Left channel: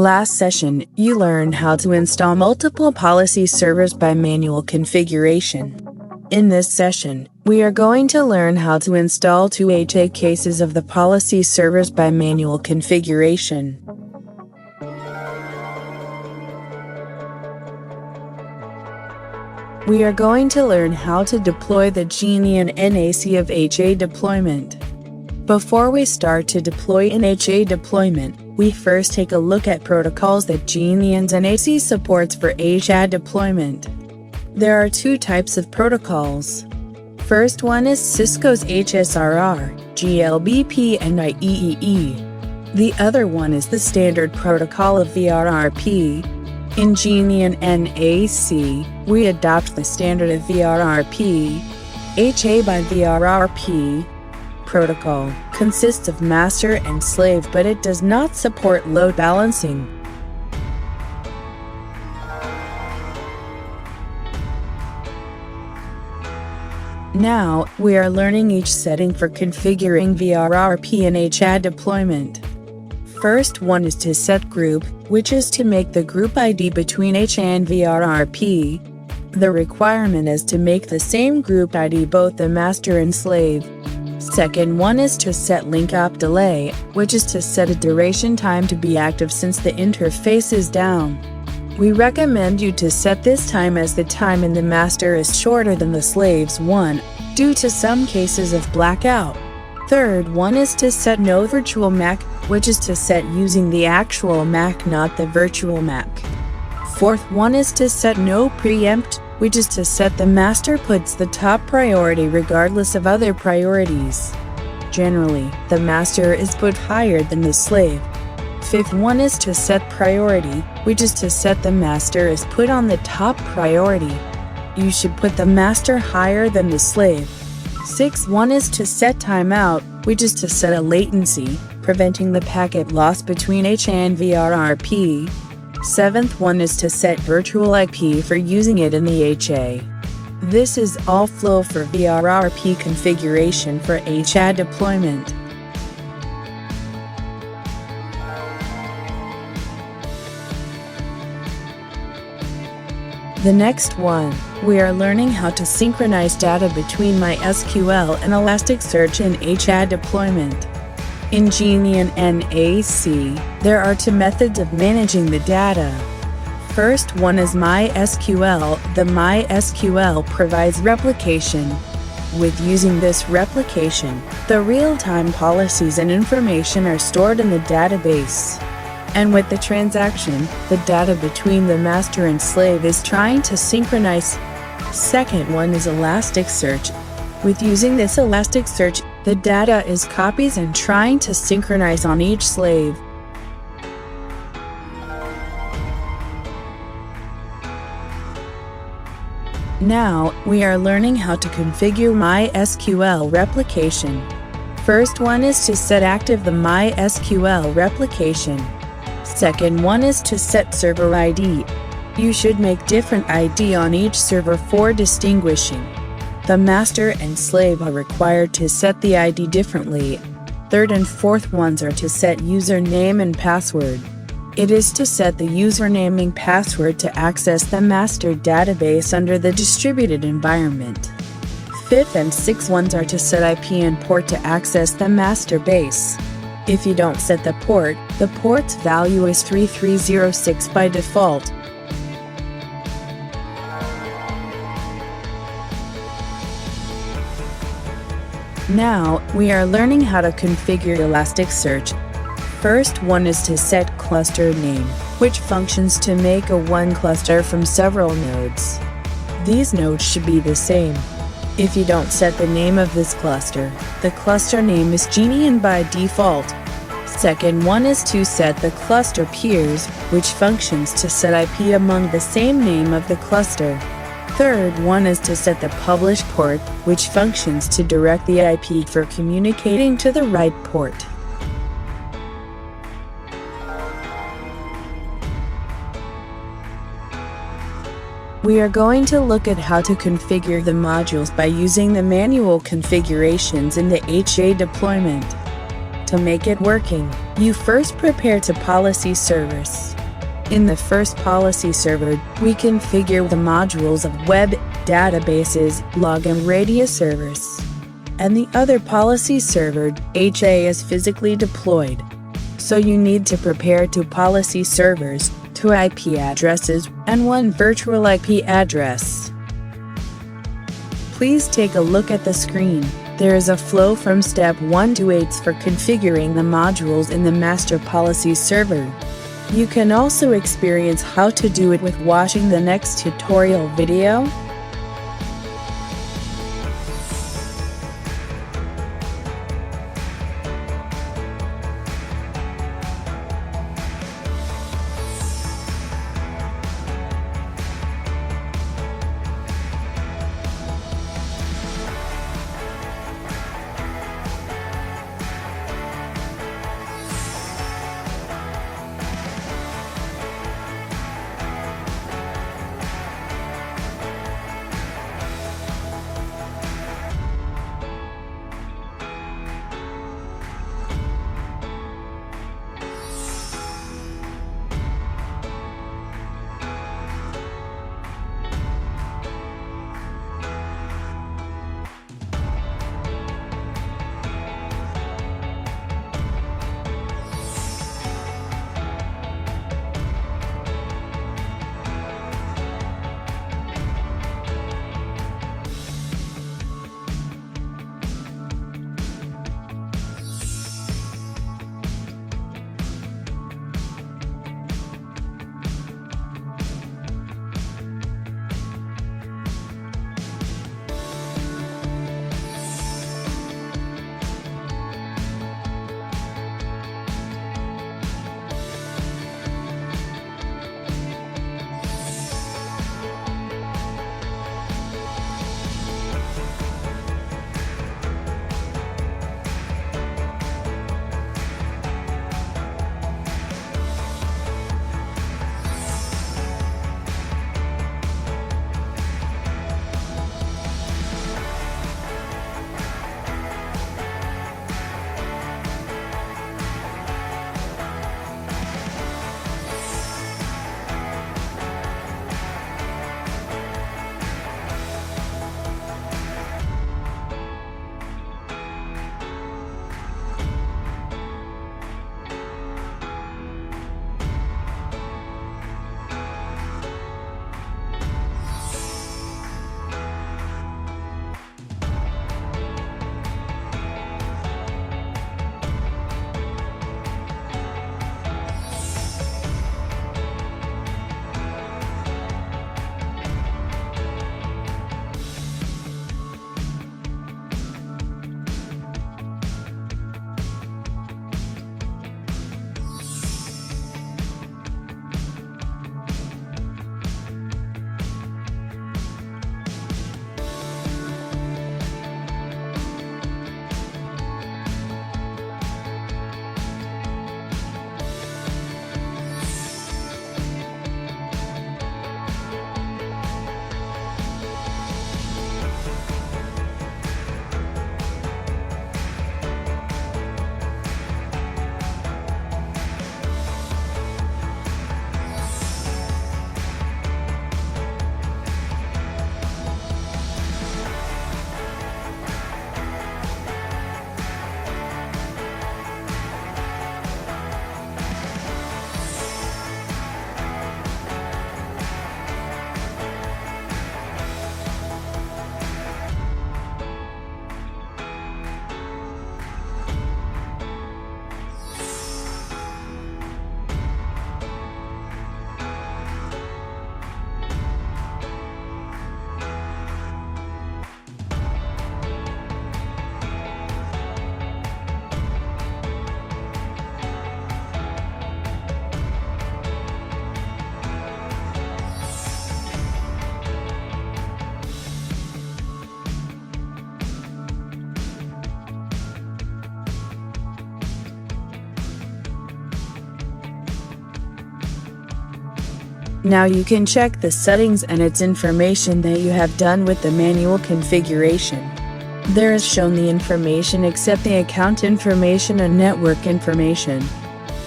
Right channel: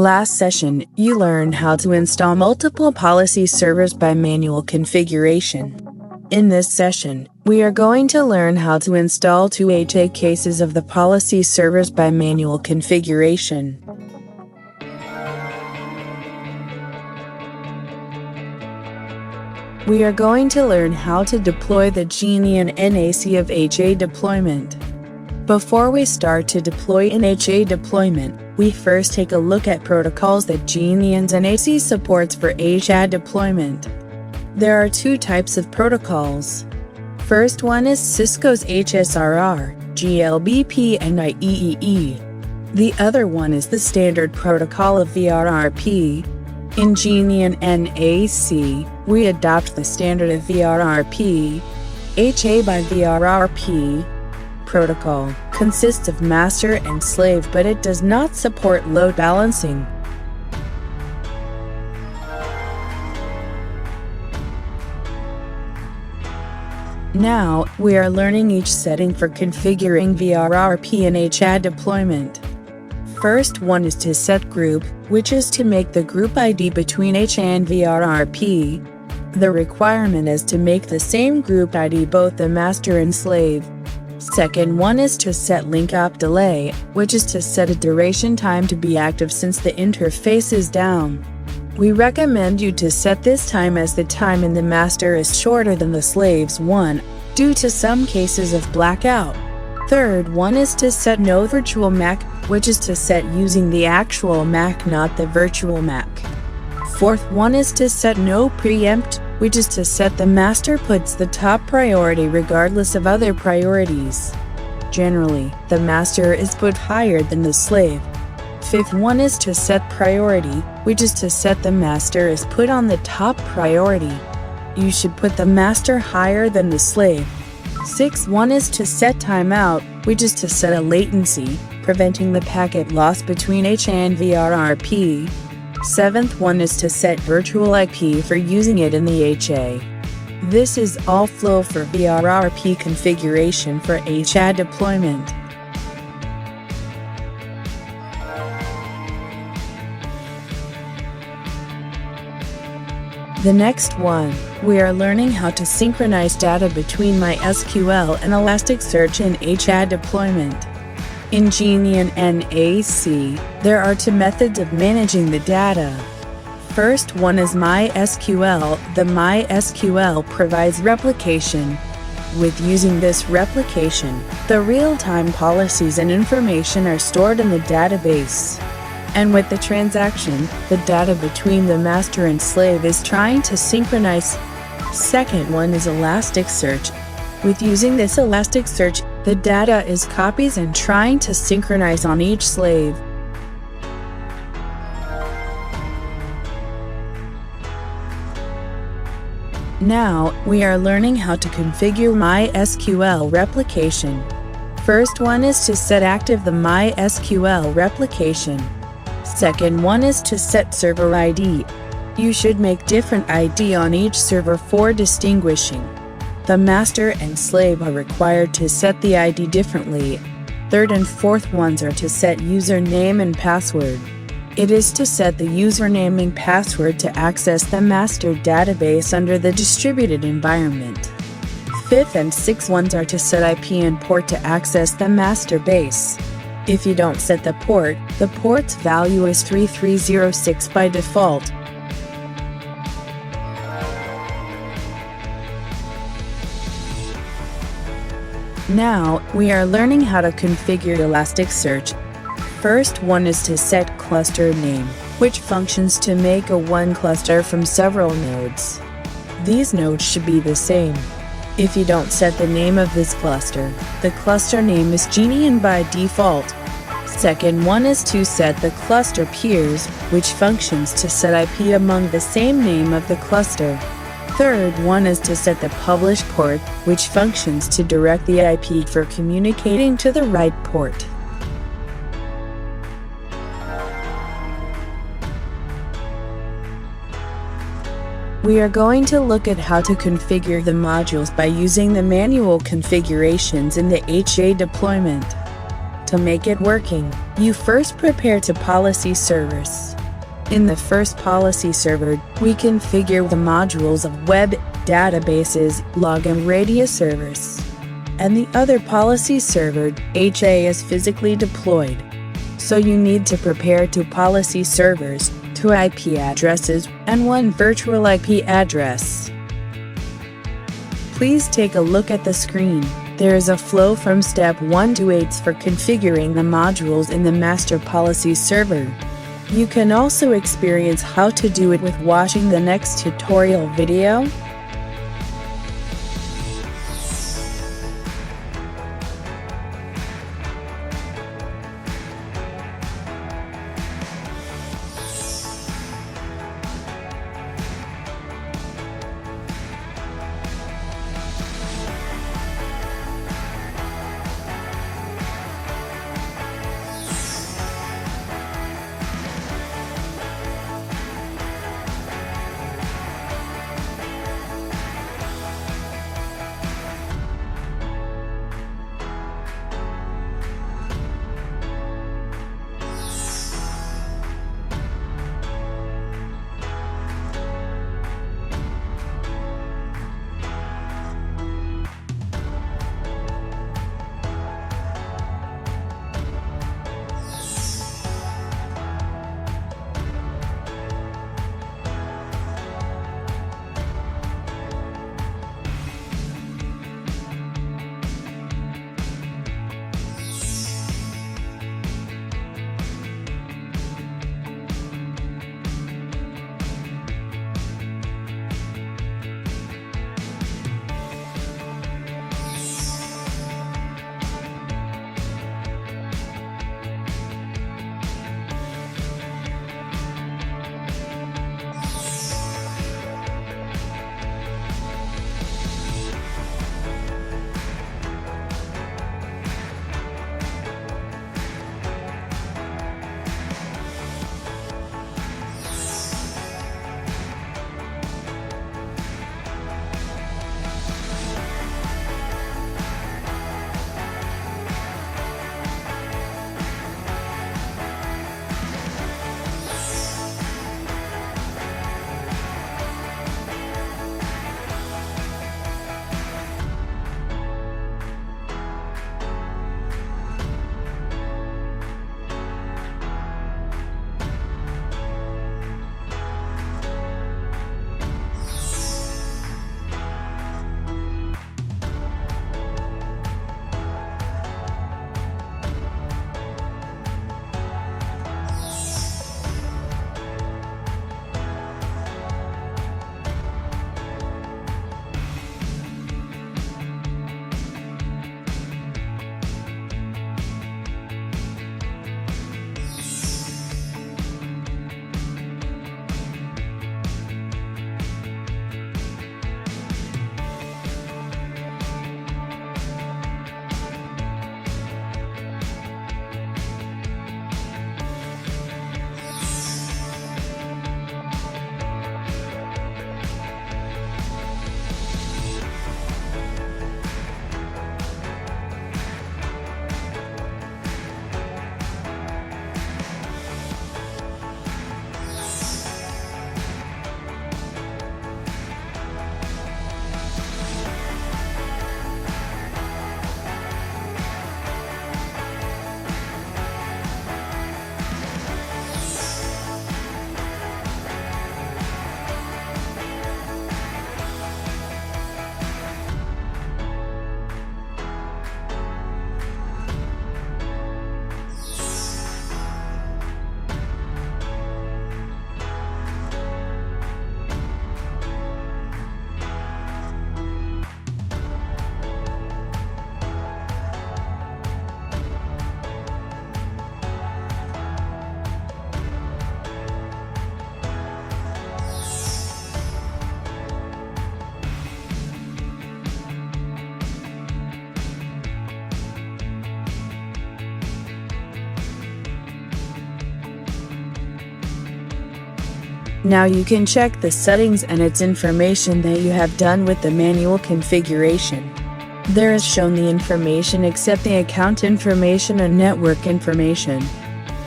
Last session, you learned how to install multiple policy servers by manual configuration. In this session, we are going to learn how to install 2 HA cases of the policy servers by manual configuration. We are going to learn how to deploy the Genian NAC of HA deployment. Before we start to deploy an HA deployment, we first take a look at protocols that Genian's NAC supports for HA deployment. There are 2 types of protocols. First one is Cisco's HSRR, GLBP and IEEE. The other one is the standard protocol of VRRP. In Genian NAC, we adopt the standard of VRRP. HA by VRRP protocol consists of master and slave, but it does not support load balancing. Now, we are learning each setting for configuring VRRP and HA deployment. First one is to set group, which is to make the group ID between HA and VRRP. The requirement is to make the same group ID both the master and slave. Second one is to set link up delay, which is to set a duration time to be active since the interface is down. We recommend you to set this time as the time in the master is shorter than the slave's one, due to some cases of blackout. Third one is to set no virtual MAC, which is to set using the actual MAC, not the virtual MAC. Fourth one is to set no preempt, which is to set the master puts the top priority regardless of other priorities. Generally, the master is put higher than the slave. Fifth one is to set priority, which is to set the master is put on the top priority. You should put the master higher than the slave. Sixth one is to set timeout, which is to set a latency, preventing the packet loss between HA and VRRP. Seventh one is to set virtual IP for using it in the HA. This is all flow for VRRP configuration for HA deployment. The next one, we are learning how to synchronize data between MySQL and Elasticsearch in HA deployment. In Genian NAC, there are 2 methods of managing the data. First one is MySQL. The MySQL provides replication. With using this replication, the real-time policies and information are stored in the database. And with the transaction, the data between the master and slave is trying to synchronize. Second one is Elasticsearch. With using this Elasticsearch, the data is copies and trying to synchronize on each slave. Now, we are learning how to configure MySQL replication. First one is to set active the MySQL replication. Second one is to set server ID. You should make different ID on each server for distinguishing. The master and slave are required to set the ID differently. Third and fourth ones are to set username and password. It is to set the username and password to access the master database under the distributed environment. Fifth and sixth ones are to set IP and port to access the master base. If you don't set the port's value is 3306 by default. Now, we are learning how to configure Elasticsearch. First one is to set cluster name, which functions to make a one cluster from several nodes. These nodes should be the same. If you don't set the name of this cluster, the cluster name is Genian by default. Second one is to set the cluster peers, which functions to set IP among the same name of the cluster. Third one is to set the publish port, which functions to direct the IP for communicating to the right port. We are going to look at how to configure the modules by using the manual configurations in the HA deployment. To make it working, you first prepare to policy servers. In the first policy server, we configure the modules of web, databases, log and radius servers. And the other policy server, HA, is physically deployed. So you need to prepare 2 policy servers, 2 IP addresses, and 1 virtual IP address. Please take a look at the screen. There is a flow from step 1 to 8 for configuring the modules in the master policy server. You can also experience how to do it with watching the next tutorial video. Now you can check the settings and its information that you have done with the manual configuration. There is shown the information except the account information and network information.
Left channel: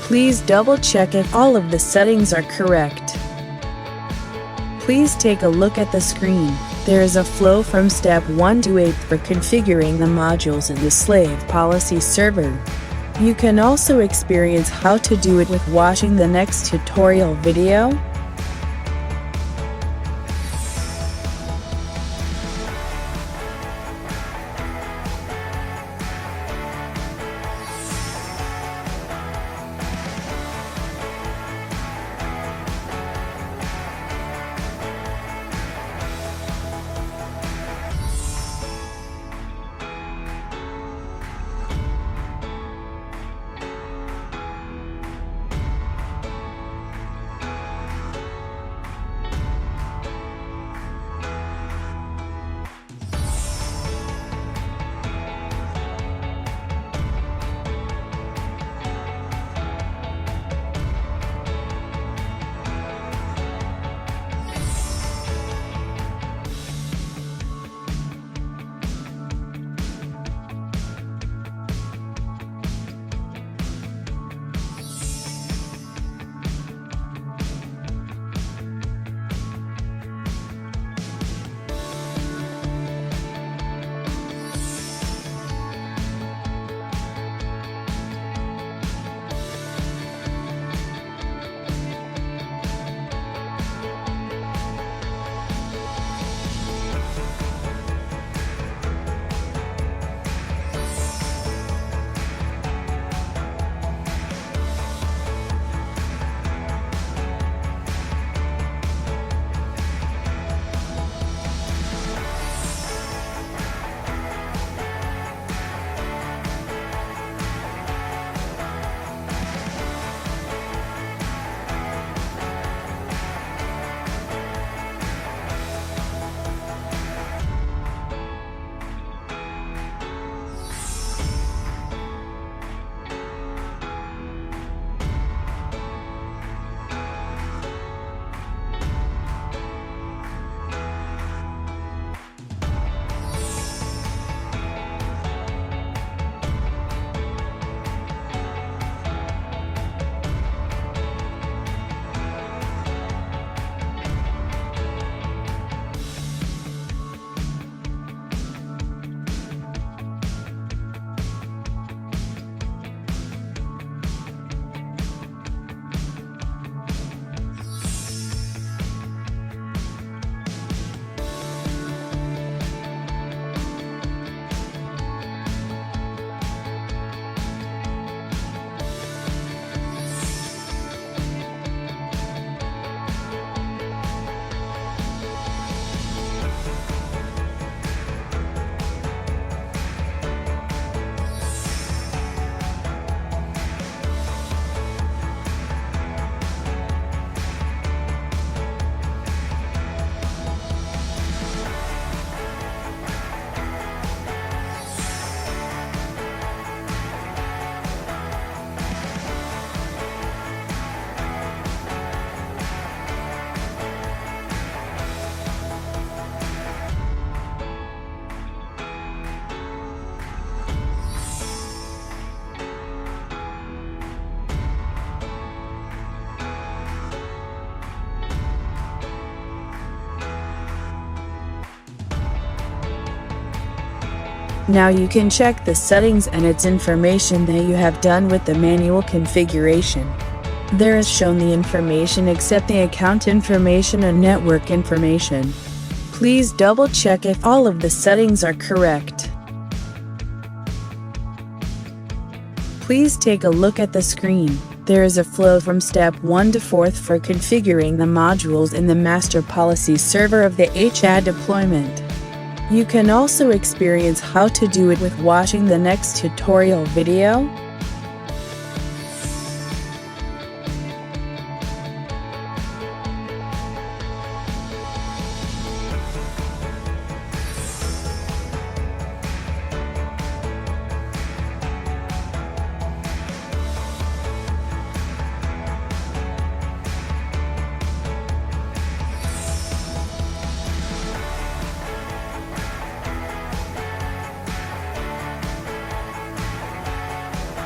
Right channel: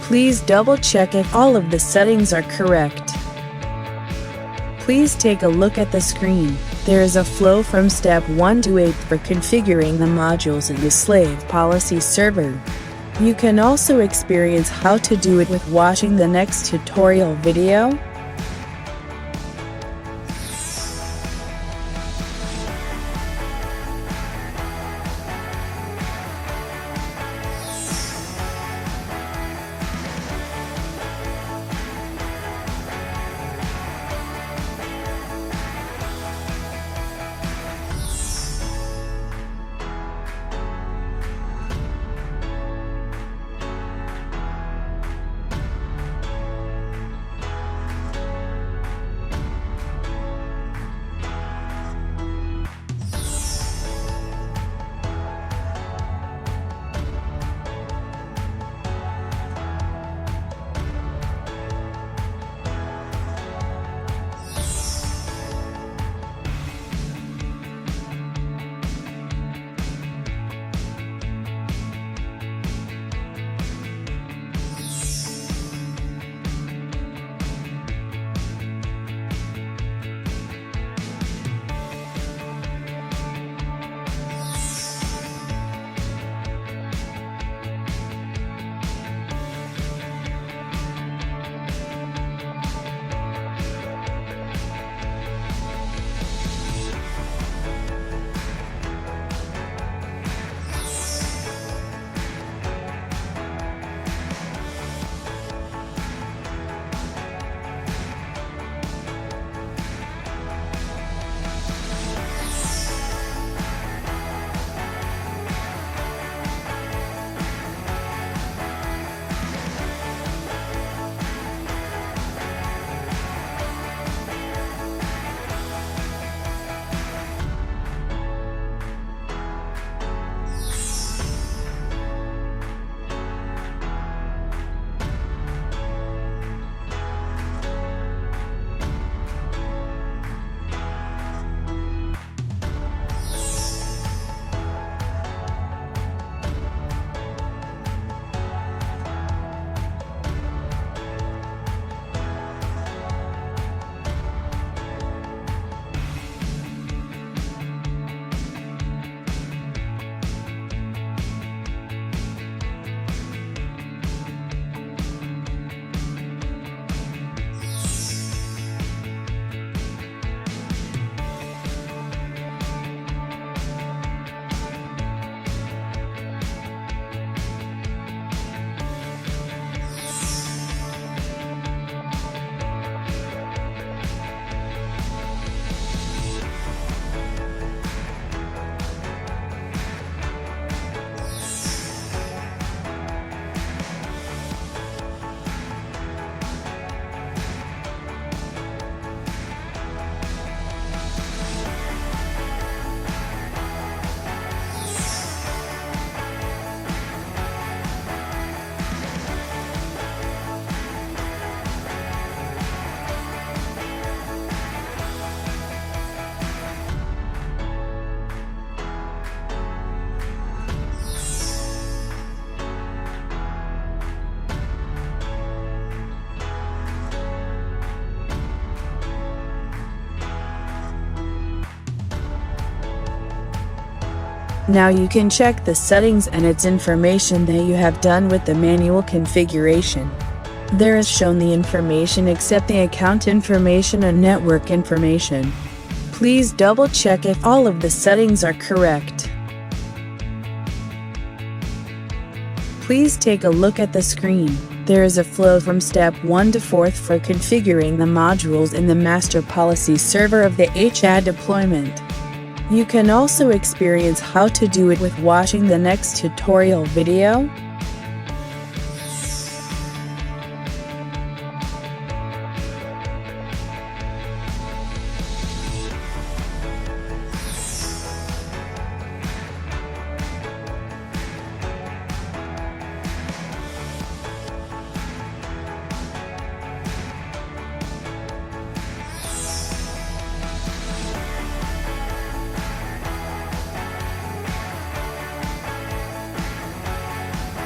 Please double check if all of the settings are correct. Please take a look at the screen. There is a flow from step 1 to 8 for configuring the modules in the slave policy server. You can also experience how to do it with watching the next tutorial video. Now you can check the settings and its information that you have done with the manual configuration. There is shown the information except the account information and network information. Please double check if all of the settings are correct. Please take a look at the screen. There is a flow from step 1 to 4 for configuring the modules in the master policy server of the HAD deployment. You can also experience how to do it with watching the next tutorial video.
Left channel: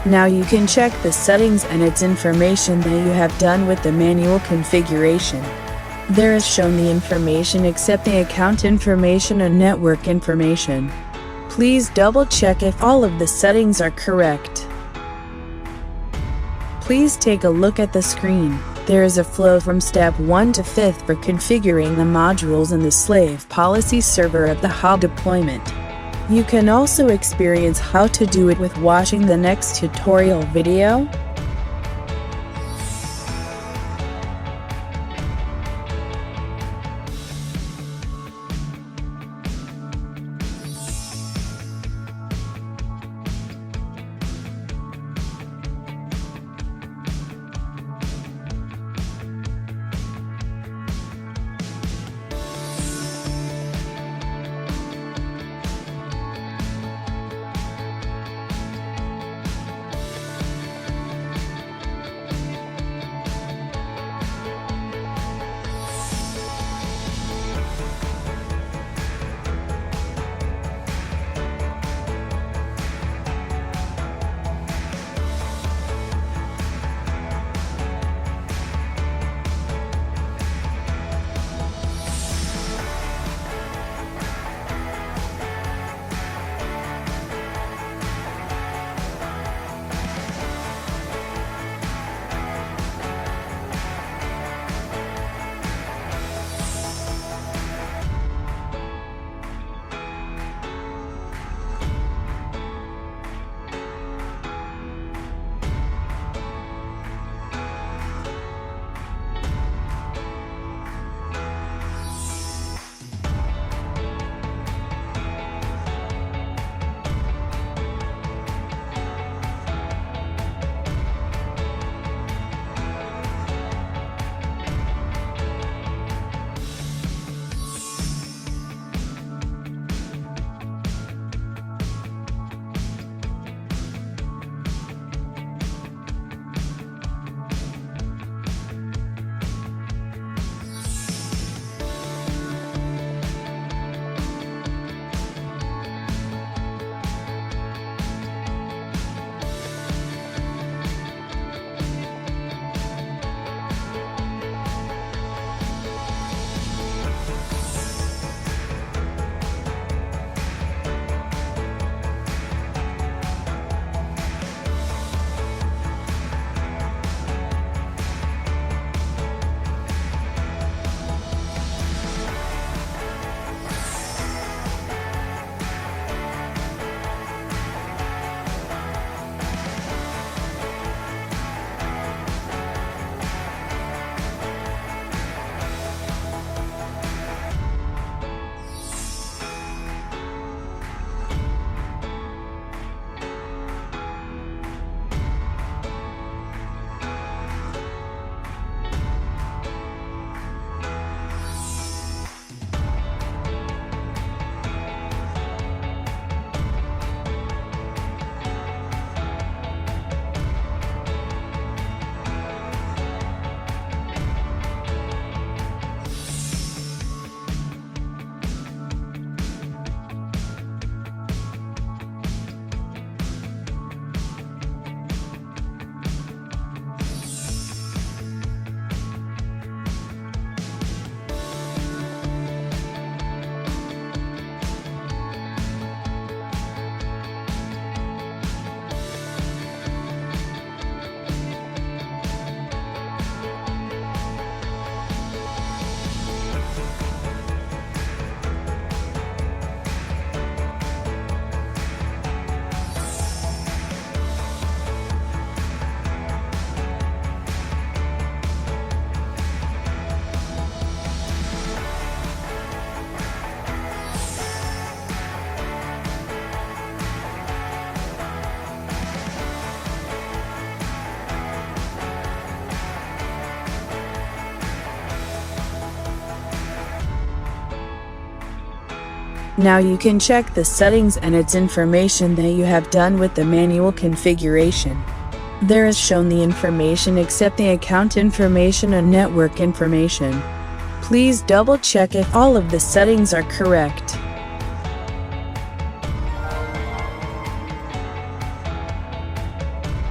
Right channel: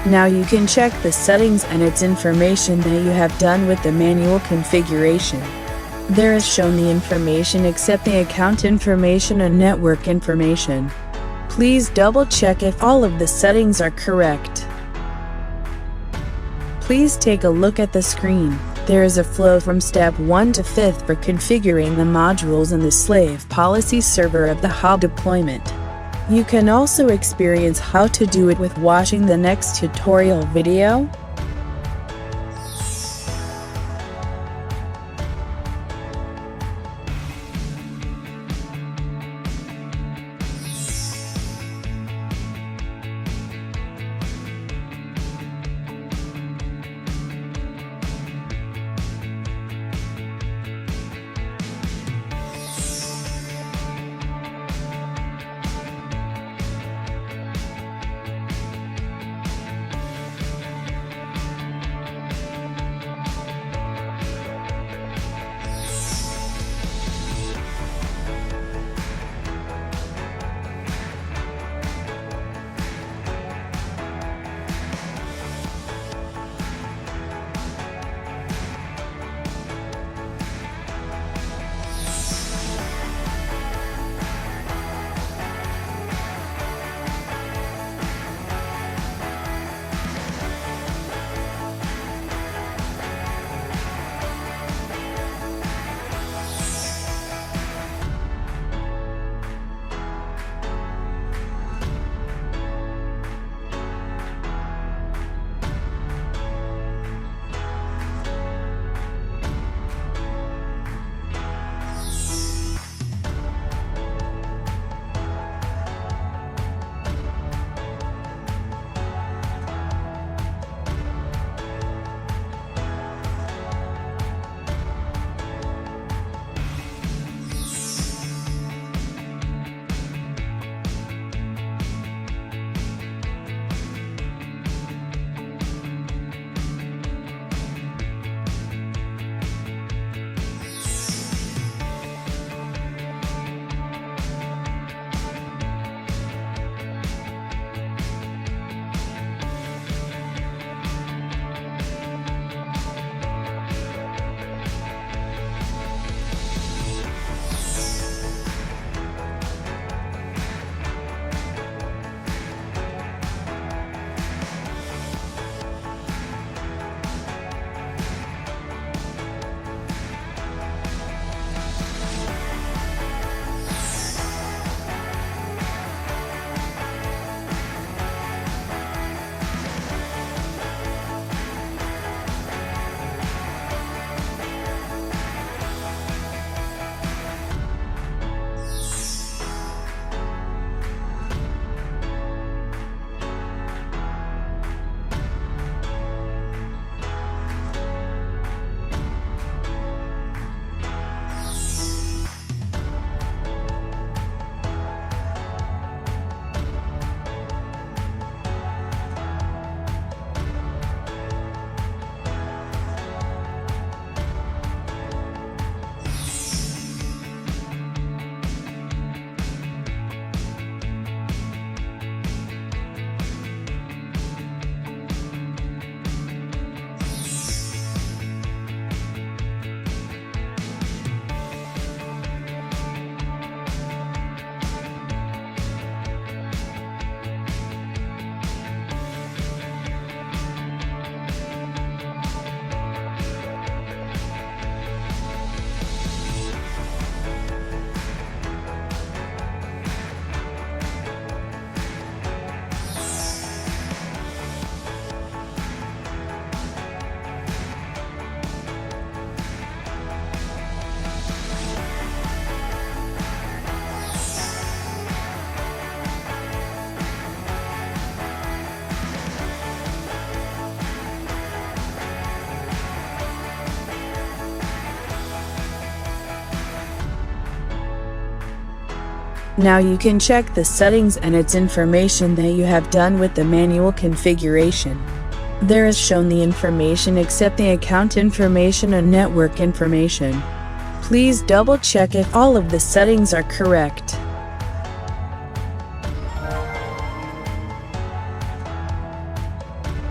Now you can check the settings and its information that you have done with the manual configuration. There is shown the information except the account information and network information. Please double check if all of the settings are correct. Please take a look at the screen. There is a flow from step 1 to 5th for configuring the modules in the slave policy server of the HA deployment. You can also experience how to do it with watching the next tutorial video. Now you can check the settings and its information that you have done with the manual configuration. There is shown the information except the account information and network information. Please double check if all of the settings are correct.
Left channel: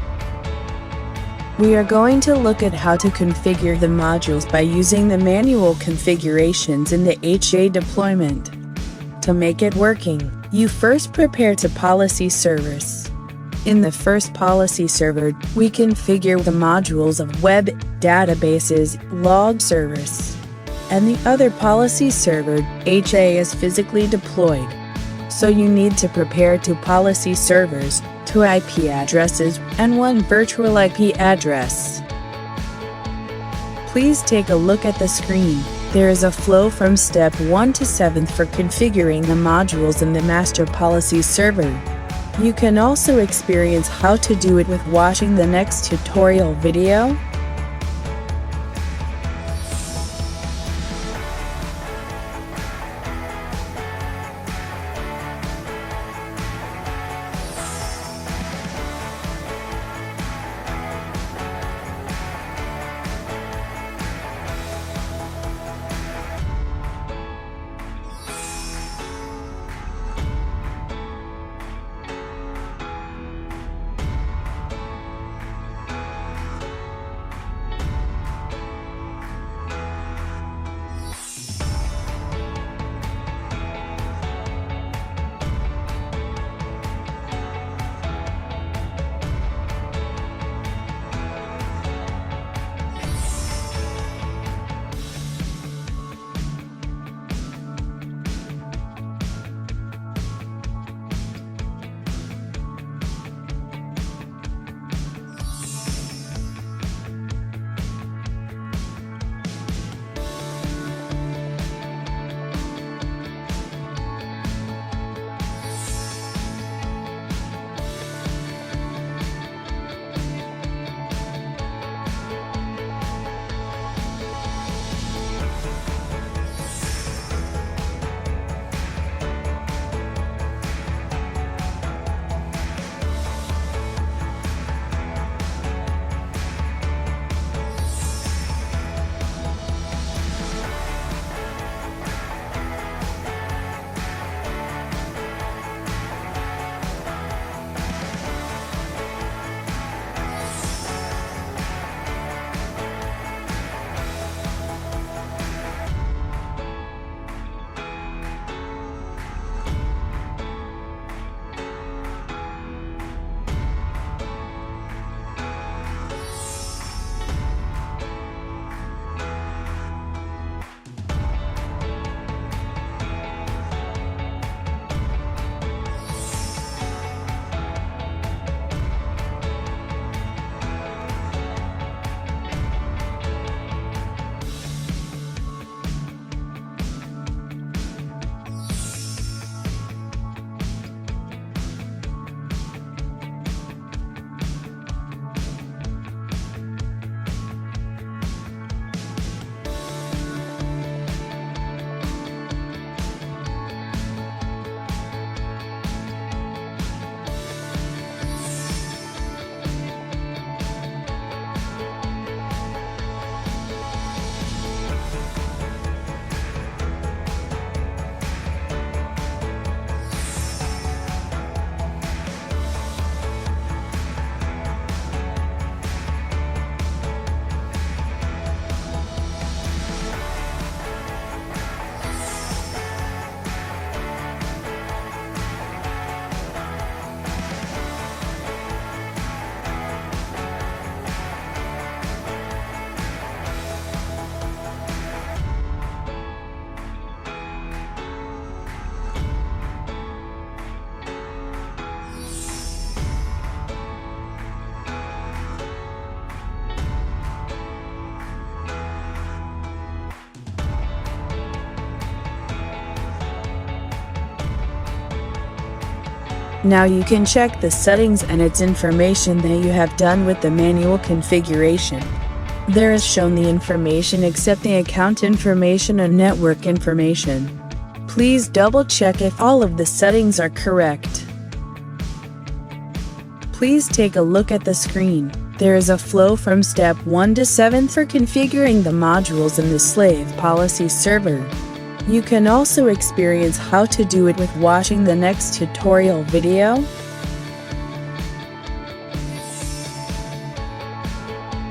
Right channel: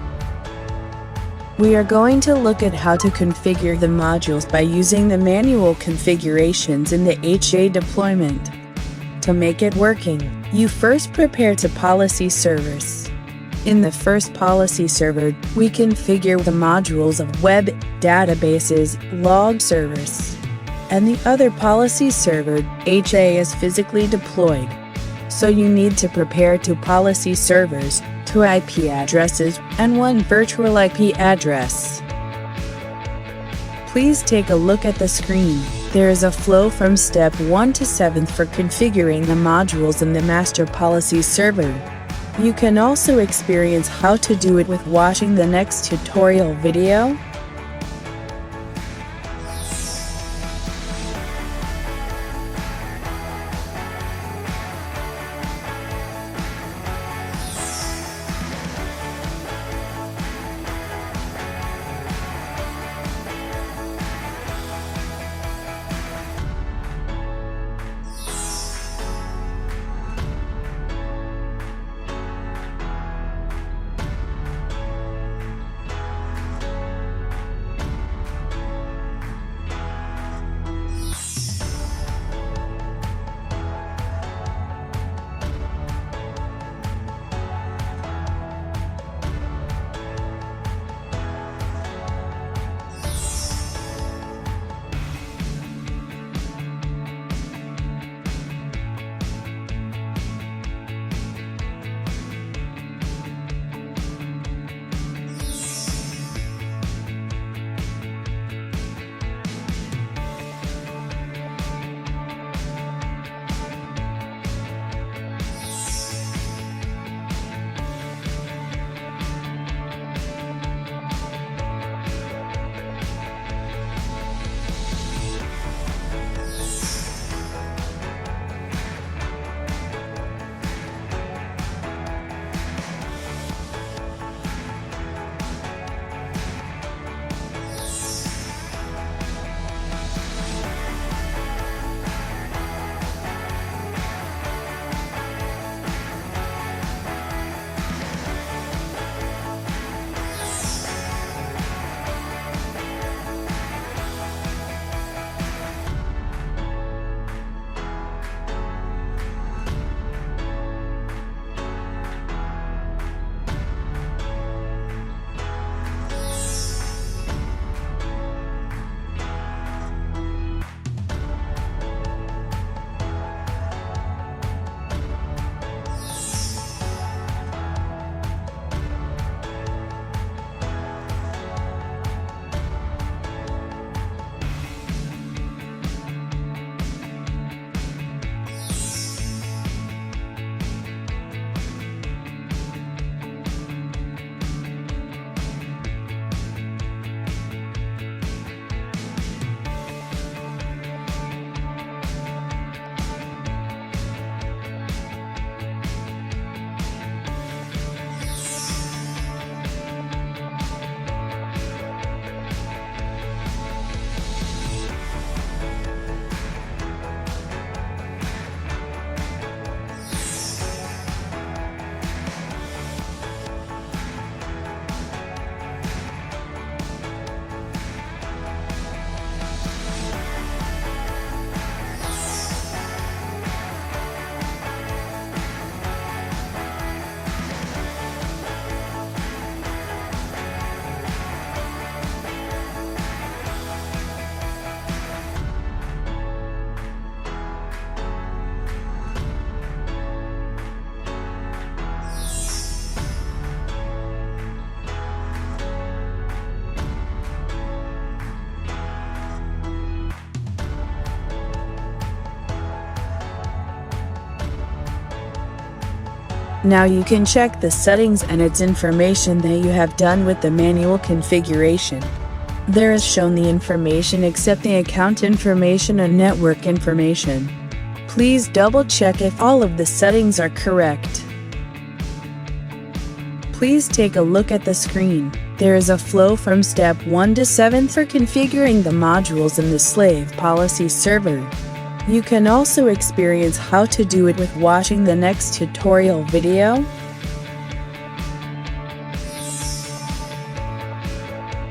We are going to look at how to configure the modules by using the manual configurations in the HA deployment. To make it working, you first prepare to policy servers. In the first policy server, we configure the modules of web, databases, log servers. And the other policy server, HA, is physically deployed. So you need to prepare two policy servers, two IP addresses, and one virtual IP address. Please take a look at the screen. There is a flow from step 1 to 7 for configuring the modules in the master policy server. You can also experience how to do it with watching the next tutorial video. Now you can check the settings and its information that you have done with the manual configuration. There is shown the information except the account information and network information. Please double check if all of the settings are correct. Please take a look at the screen. There is a flow from step 1 to 7 for configuring the modules in the slave policy server. You can also experience how to do it with watching the next tutorial video.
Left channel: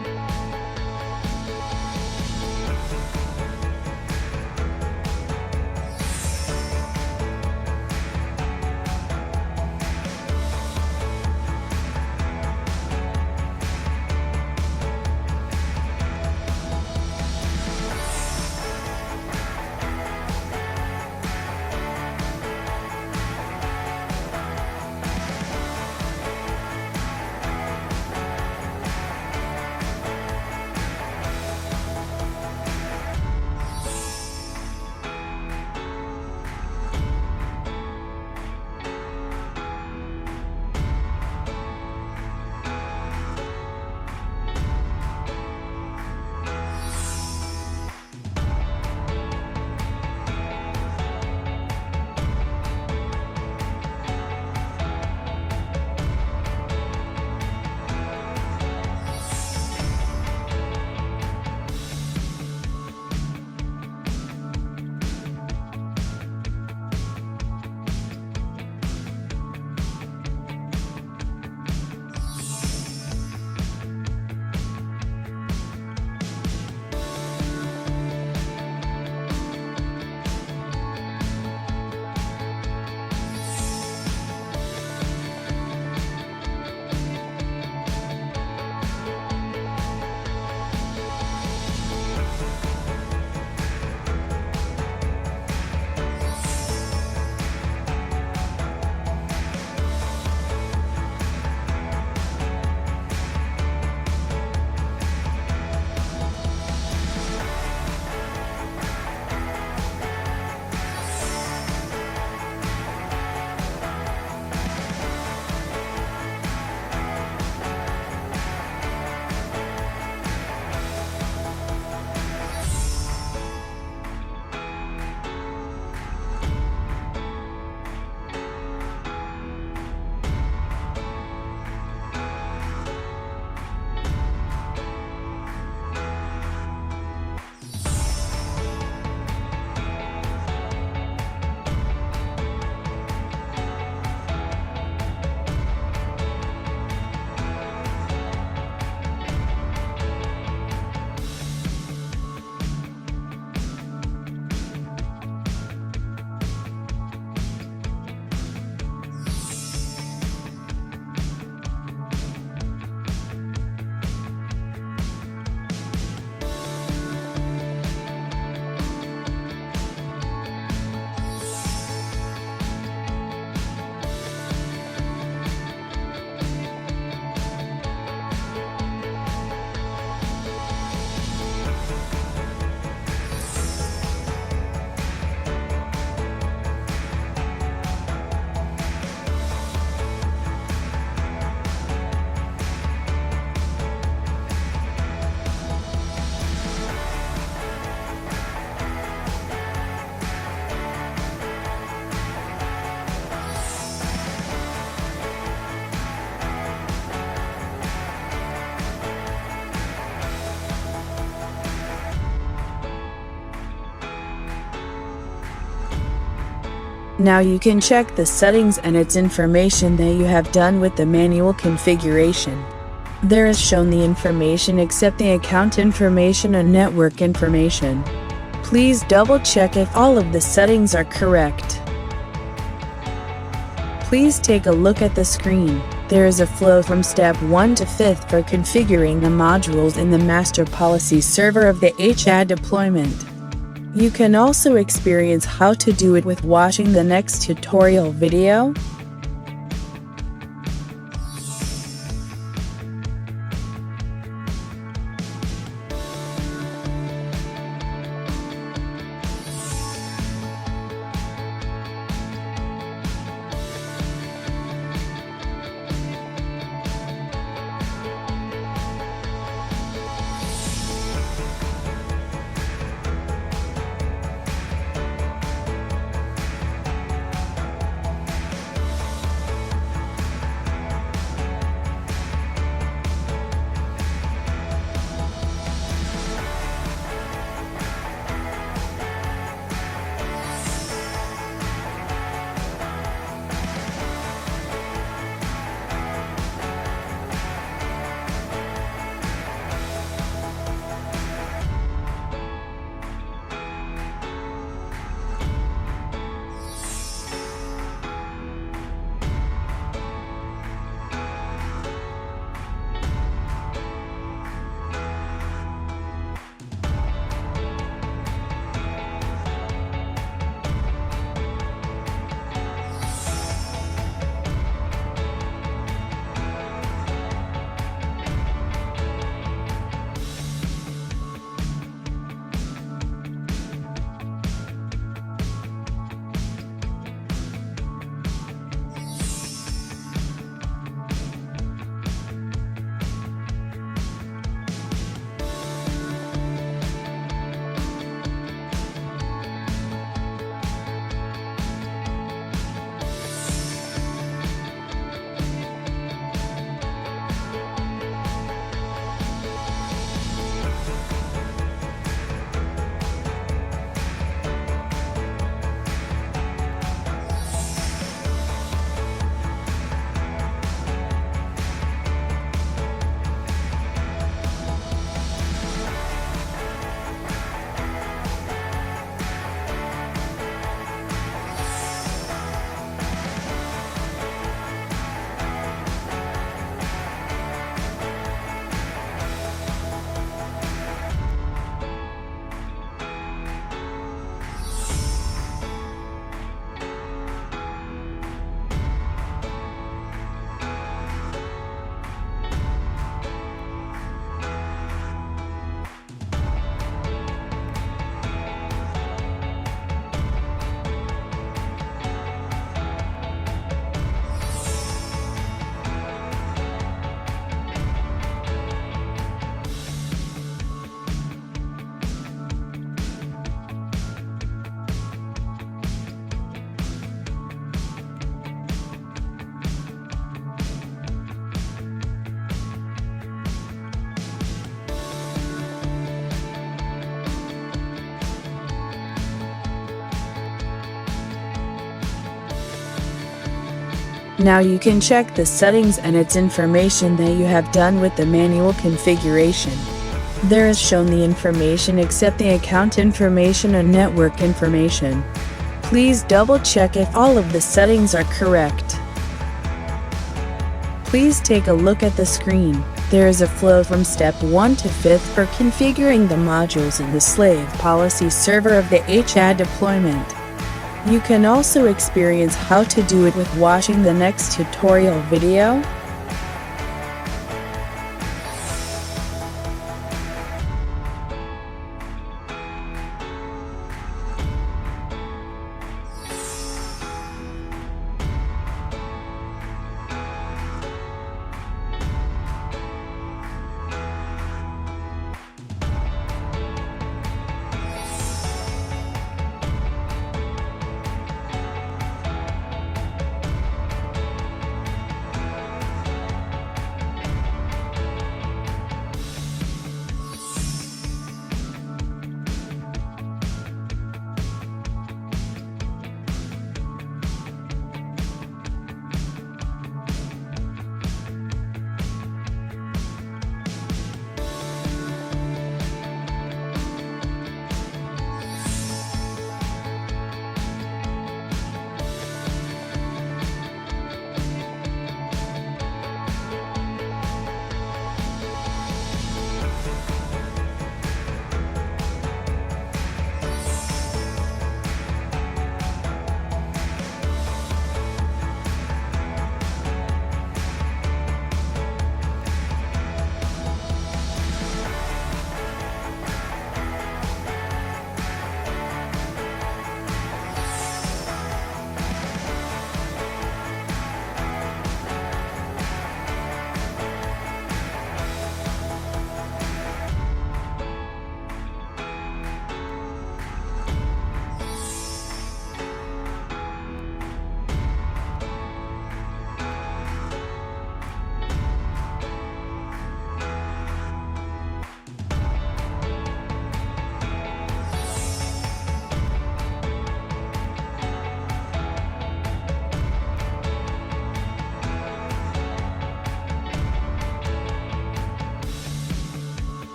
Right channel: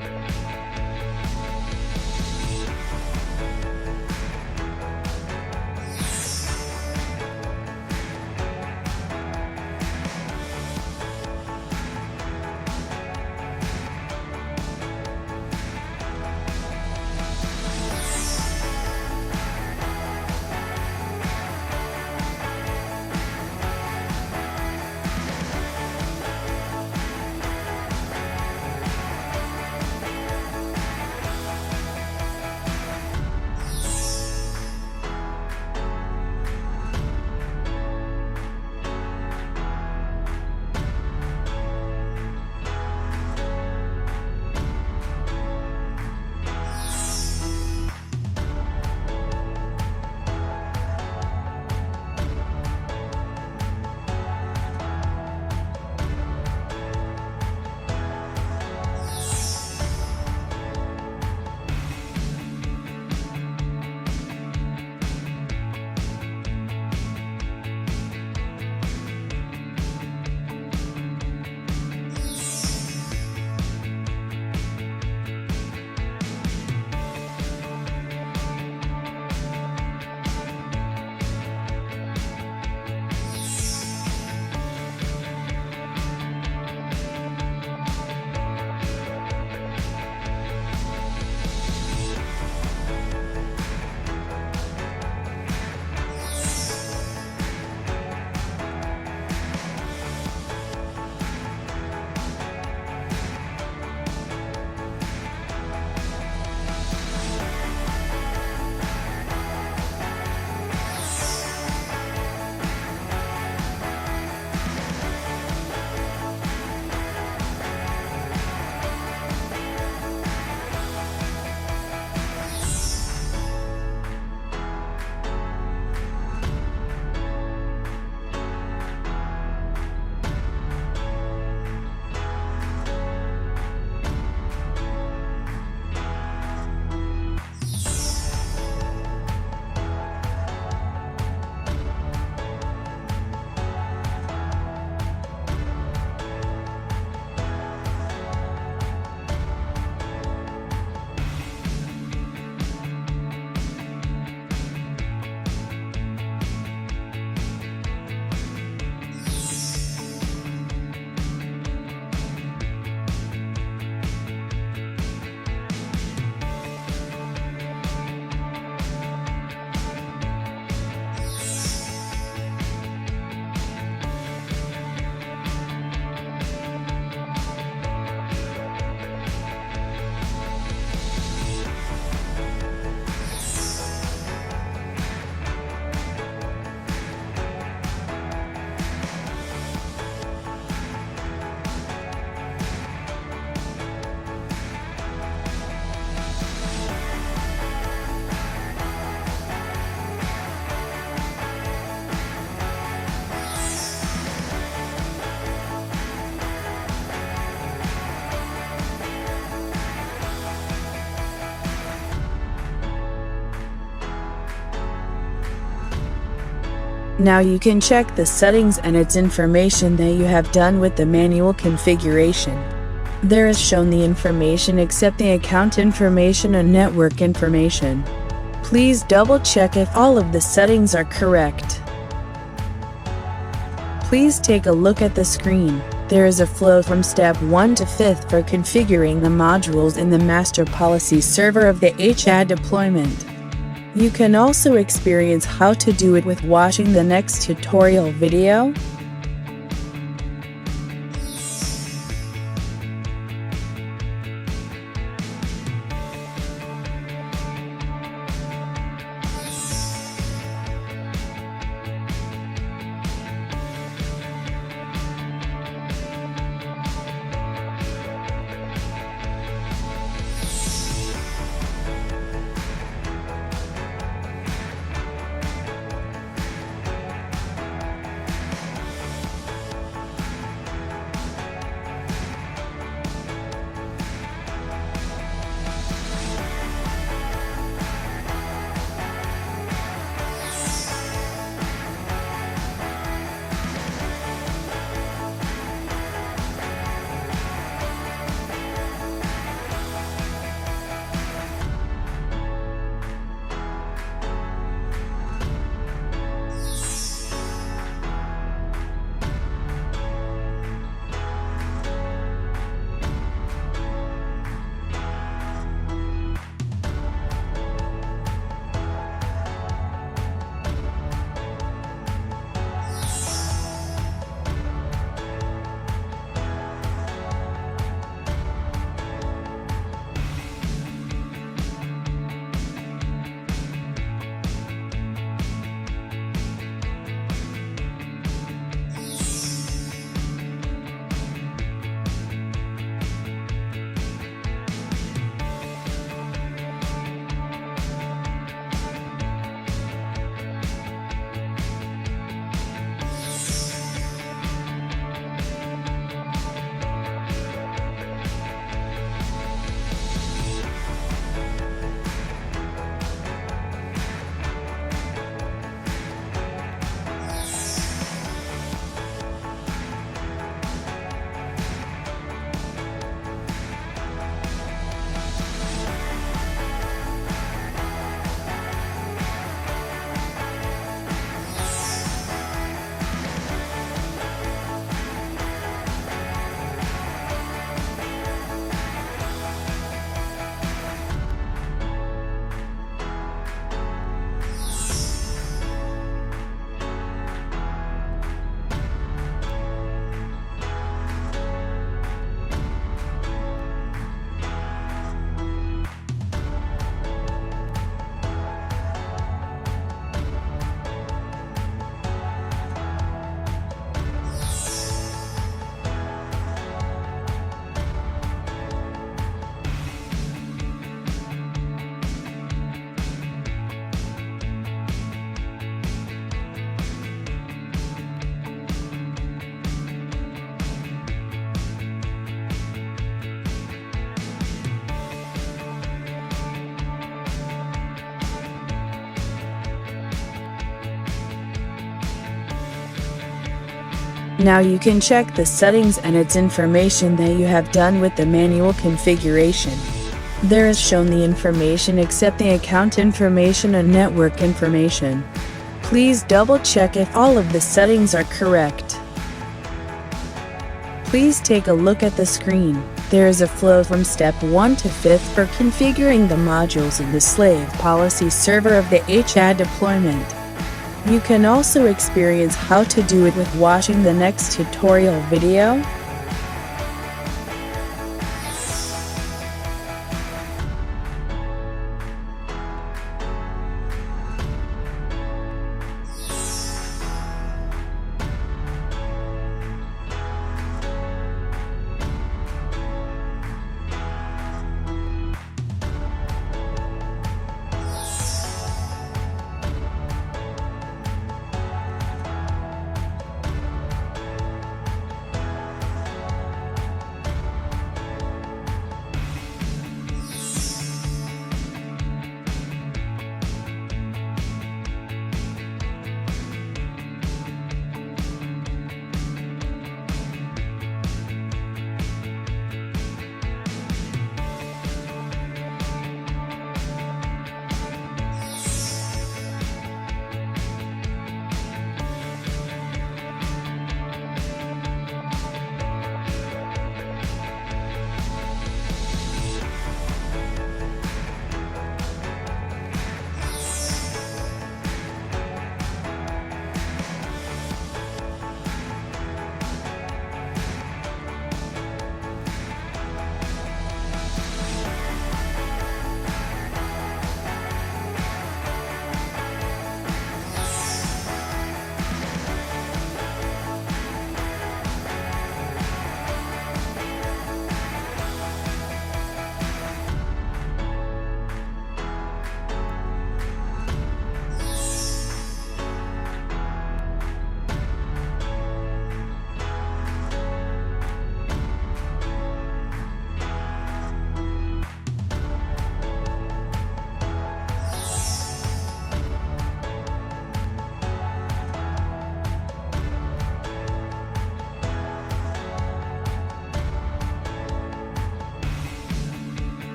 Now you can check the settings and its information that you have done with the manual configuration. There is shown the information except the account information and network information. Please double check if all of the settings are correct. Please take a look at the screen. There is a flow from step 1 to 5th for configuring the modules in the master policy server of the HAD deployment. You can also experience how to do it with watching the next tutorial video. Now you can check the settings and its information that you have done with the manual configuration. There is shown the information except the account information and network information. Please double check if all of the settings are correct. Please take a look at the screen. There is a flow from step 1 to 5th for configuring the modules in the slave policy server of the HAD deployment. You can also experience how to do it with watching the next tutorial video.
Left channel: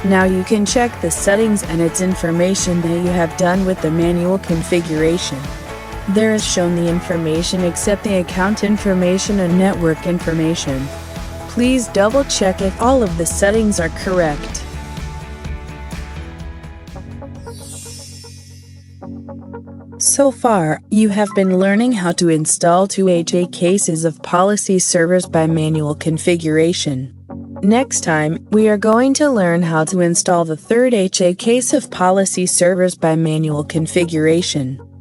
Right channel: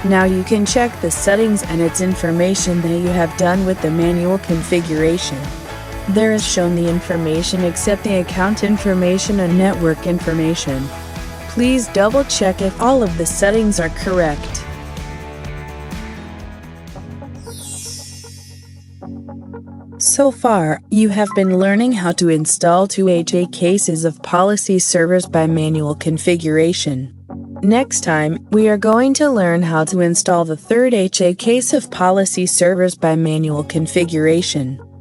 Now you can check the settings and its information that you have done with the manual configuration. There is shown the information except the account information and network information. Please double check if all of the settings are correct. So far, you have been learning how to install 2 HA cases of policy servers by manual configuration. Next time, we are going to learn how to install the third HA case of policy servers by manual configuration.